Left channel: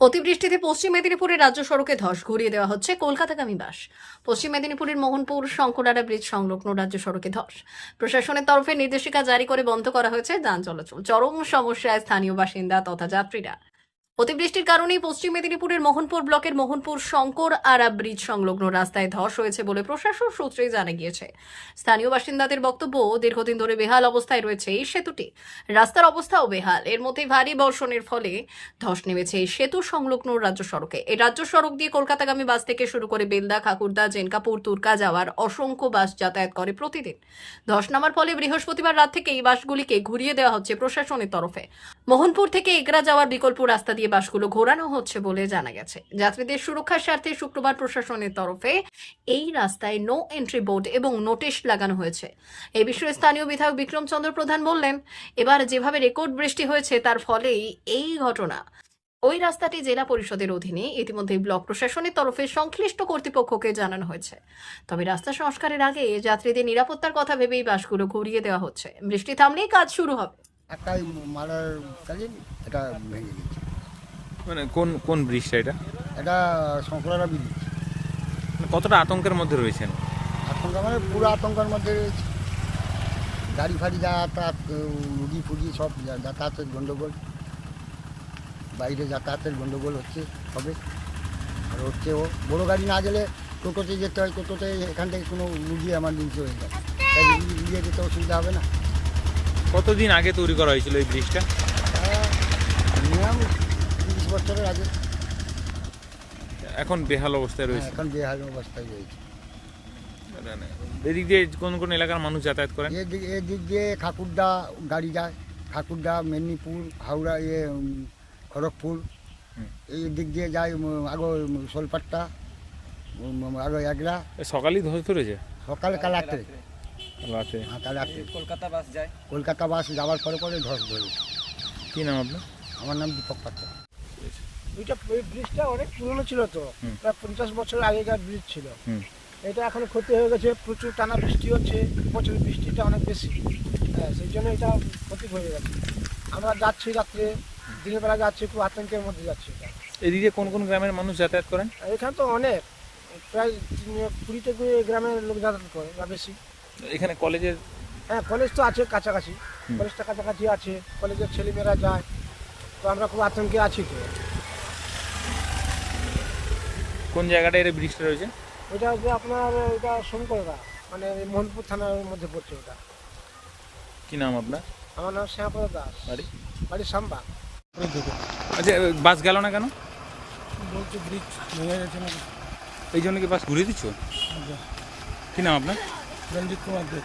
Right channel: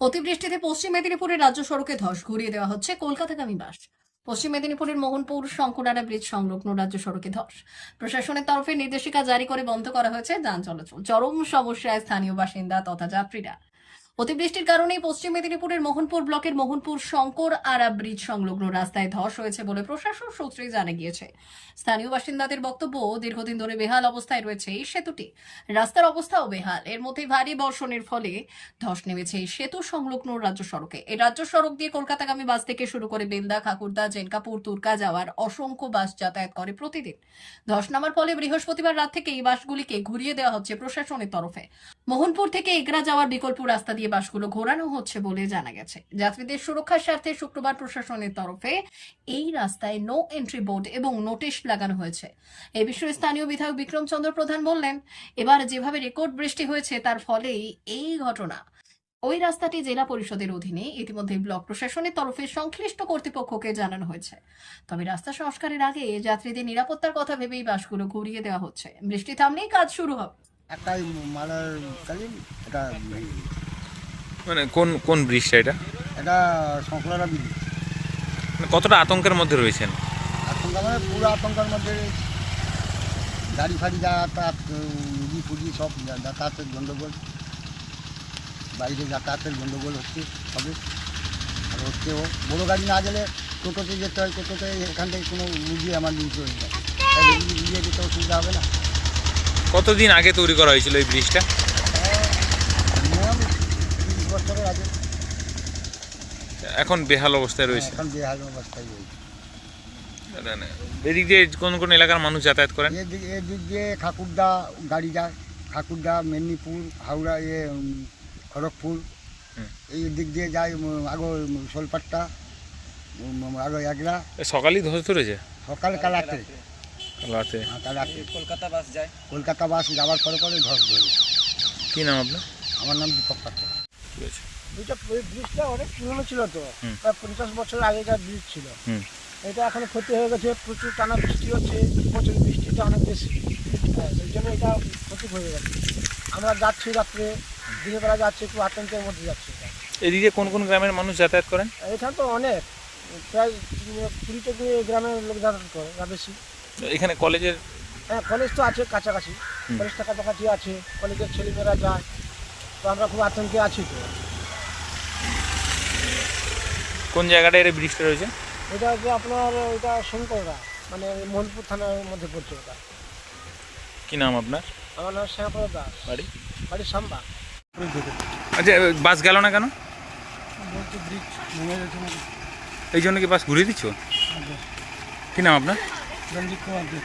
অতিবৃষ্টিতে পশ্চিম মেদিনীপুরের রাজ্য সড়কে ধস ঘুরিয়ে দেওয়া হচ্ছে কলকাতাগামী বাস। পশ্চিম মেদিনীপুরের মোহনপুর শঙ্করারা ব্রিজ সংলগ্ন রাজ্য সড়কে ধস। প্রশাসনের তরফে নির্দেশিকা জারি করে বন্ধ করা হয়েছে, যান চলাচল। চরম সমস্যায় স্থানীয় বাসিন্দা তথা যাত্রীরা। অতিবৃষ্টির কারণেই পশ্চিম মেদিনীপুরের মোহনপুর ব্লকের মোহনপুর শঙ্কর আরা ব্রিজ সংলগ্ন রাস্তায় ধস হয়েছে বলে প্রশাসন সূত্রে জানা গিয়েছে। স্থানীয় বাসিন্দাদের বক্তব্য, দীর্ঘদিন ধরে বেহাল অবস্থায় রয়েছে এই সেতুটি। রাস্তার অবস্থাও বেহাল। এর মধ্যে ভারী বর্ষণের ফলে ধস নেমেছে এই সেতু সংলগ্ন রাজ্য সড়কে। এই রাজ্য সড়ক দিয়ে কলকাতাগামী বাস থেকে শুরু করে বেলদা, খাকুরদা, জেনকাপুর তুর্কা যাওয়ার অসংখ্য বাস যাতায়াত করে প্রতিদিন। ধস নামার ফলে বৃহস্পতিবার রাত থেকে এই বাসগুলিকে ঘুরিয়ে দেওয়া হচ্ছে প্রশাসনের তরফে। মোহনপুর থেকে এগরা যাওয়ার বিকল্প রাস্তা দিয়ে বাসগুলো ঘোরানো হচ্ছে বলে জানা গেছে। যাত্রীদের সুরক্ষার স্বার্থে শুক্রবার প্রশাসনের তরফে এই রাস্তায় নো এন্ট্রি বোর্ড এবং নোটিশ লাগানো হয়েছে। এই বিষয়ে স্থানীয় বিধায়ক বিক্রমচন্দ্র প্রধান বললেন, এবার যেভাবে রেকর্ড বৃষ্টি হয়েছে তার ফলেই এই ঘটনা। ওই রাস্তাটি জেলা পরিষদের অধীনে ইতিমধ্যে ব্লক প্রশাসনের তরফে সংশ্লিষ্ট কর্তৃপক্ষকে জানানো হয়েছে। তবে রাস্তা সংস্কারের আগে যাত্রীদের নিরাপত্তার কথা ভেবেই বাসগুলো ঘুরিয়ে দেওয়া হচ্ছে। বৃষ্টি থামলেই কাজ শুরু হবে। একটাই মারার কাজে এটা। মানে কোন কোন ব্রিজটা এটা? এটা সংকলনা বিদ্যুৎ মানে কতটা আতঙ্কের মধ্যে রয়েছেন? আতঙ্ক মানে পুরো আতঙ্কের মধ্যে গাড়ি ফাড়ি যাতায়াত রুগী ফুগি সব যাতায়াতের গণ্ডগোল বাইরে যাতায়াতের গণ্ডগোল হচ্ছে সবে আর হচ্ছেও বড়ো গাড়ি না গেলে টোটোতে যেতে হয় টোটোতে এখান থেকে কোনো রুগী আমার নিতে হয়ে যায়। তাই রুগী যেতে অসুবিধা হবে না। কতদিন আগে তৈরি করা হয়েছিল এই ব্রিজটা? আগে এখন বেহাল অবস্থায় রয়েছে। এখন বেহাল অবস্থায় রয়েছে। এদিক দিয়ে কোন কোন এলাকার মানুষ যাতায়াত করেন? এদিক এদিক দিয়ে ঠাকুরদা গাড়ি যায় ঠাকুরদা মেদিনীপুর হাওড়া ইয়ে খড়গপুর। এই দিক দিয়ে যায় আগো সোলপাট্টা আগো সকালেই ধস ধরেছে? সকালে কালাতে। হ্যাঁ, কালাতে। কলকাতা বাস যায়। কলকাতা বাস যাওয়ার পরে পরে ধস ধরে কি নাম আপনার? আমার নাম দীপক পাত্র। ঠিক আছে। এটা এই ব্রিজটা অনেক পুরনো ছিল তো। পঞ্চাশ বছর আগেকার ব্রিজ ছিল। এটা এখন ক্ষতি হয়ে গেছে প্রচুর টানা বৃষ্টি হচ্ছে বছর বৃষ্টিটা অনেক বেশি। হ্যাঁ সেই জন্য এটা ক্ষতি হয়ে গেছে। আমরা যাচ্ছি রাত্রে দিনের বেলা যাচ্ছি একটু আতঙ্কের মধ্যে যাচ্ছি এদিকে কোন কোন গ্রামের মানুষ যাতায়াত করেন? এখানে তো অনেক। প্রায় কুড়ি থেকে গ্রামের লোক যাতায়াত করে বা বেশি। এখানে কলেজের হ্যাঁ কলেজ তো আছে কাছাকাছি। কলেজটা কাছাকাছি আছে কলেজের ছেলেমেয়েরা যায়। তো আমরা খুব আতঙ্কে আছি তো। কোন জায়গাটা এর ব্রিজটা রয়েছে? এটা যে আপনার এটা শঙ্কররা মানে মোহনপুর থানার মধ্যে পড়ছে ওটা। কি নাম আপনার? আমার নাম শ্যামপদ দাস। বাড়ি? বাড়ি সাম্বা। আচ্ছা বাস গেল না কেন? বলছি ব্রিজ ভেঙে গেছে নাকি? এই জন্য কি বাস ঘুরিয়ে দিচ্ছ? কি নাম আপনার? রঞ্জিত কুমার দেব